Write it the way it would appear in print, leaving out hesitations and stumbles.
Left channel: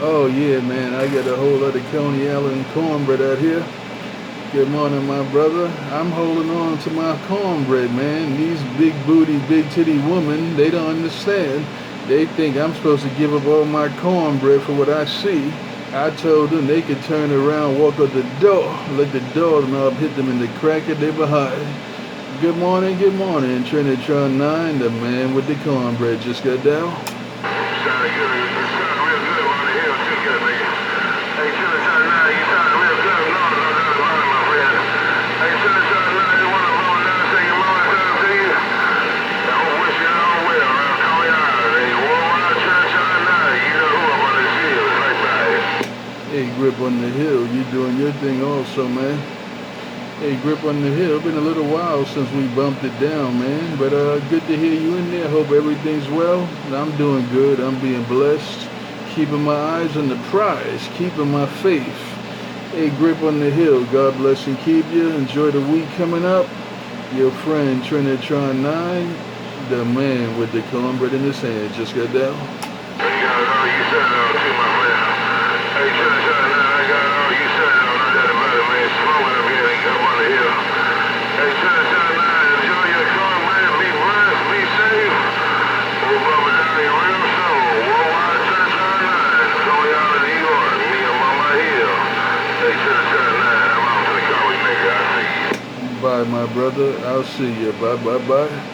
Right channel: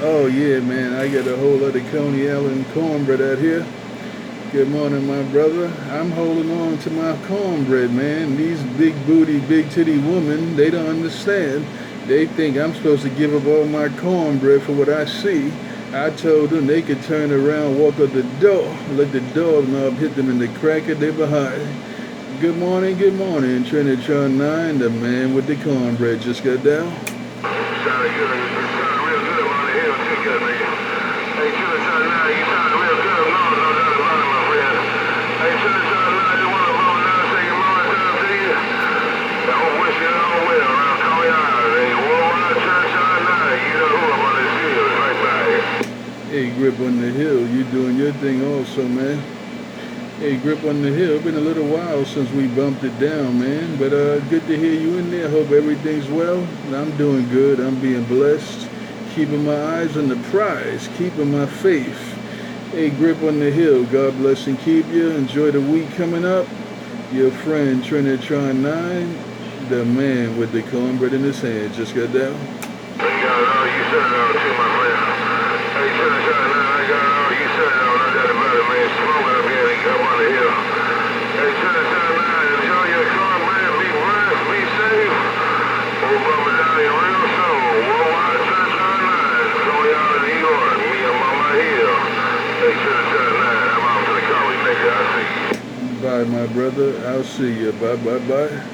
Oh yeah, man, I got a whole lot of Coney Island cornbread out here. Good morning, my brother. I'm holding on to my cornbread, man. These big booty, big titty women, they don't understand. They think I'm supposed to give up all my cornbread for what I see. I told them they could turn around, walk up the door, let the doorknob hit them in the crack of their behind. Good morning, Trinitron9, the man with the cornbread just got down. Sounded good. It sounded real good on the hill too, good nigga. Hey, Trinitron9, you sounded real good. No doubt about it, my friend. Hey, Trinitron9, you want to roll down and say your mama time to you? I hope wish you all well around Coney Island. Hey, worldwide Trinitron9, you know who up on this hill, right by here. Hey, Grip on the Hill, you doing your thing also, man. Hey, Grip on the Hill, been a little while since we bumped it down, man. But good to hear you in there. Hope everything's well. I'm doing good. I'm being blessed. Keeping my eyes on the prize. Keeping my faith. Hey, Grip on the Hill, God bless and keep you. Enjoy the week coming up. Your friend Trinitron9, the man with the cornbread in his hand, just got down. You got all you said too, my friend. Hey, Trinitron9, I got all you said no doubt about it, man. Smoking up here and come on the hill. Hey, Trinitron9, enjoy your cornbread. Be blessed. Be safe. We'll rub it down your real soon. Worldwide Trinitron9. Coney Island, New York. Me, I'm on my hill. Hey, Trinitron9, I'm out to the college, nigga. I'll see you. Bye, my brother. I'll see you. Bye, bye, bye.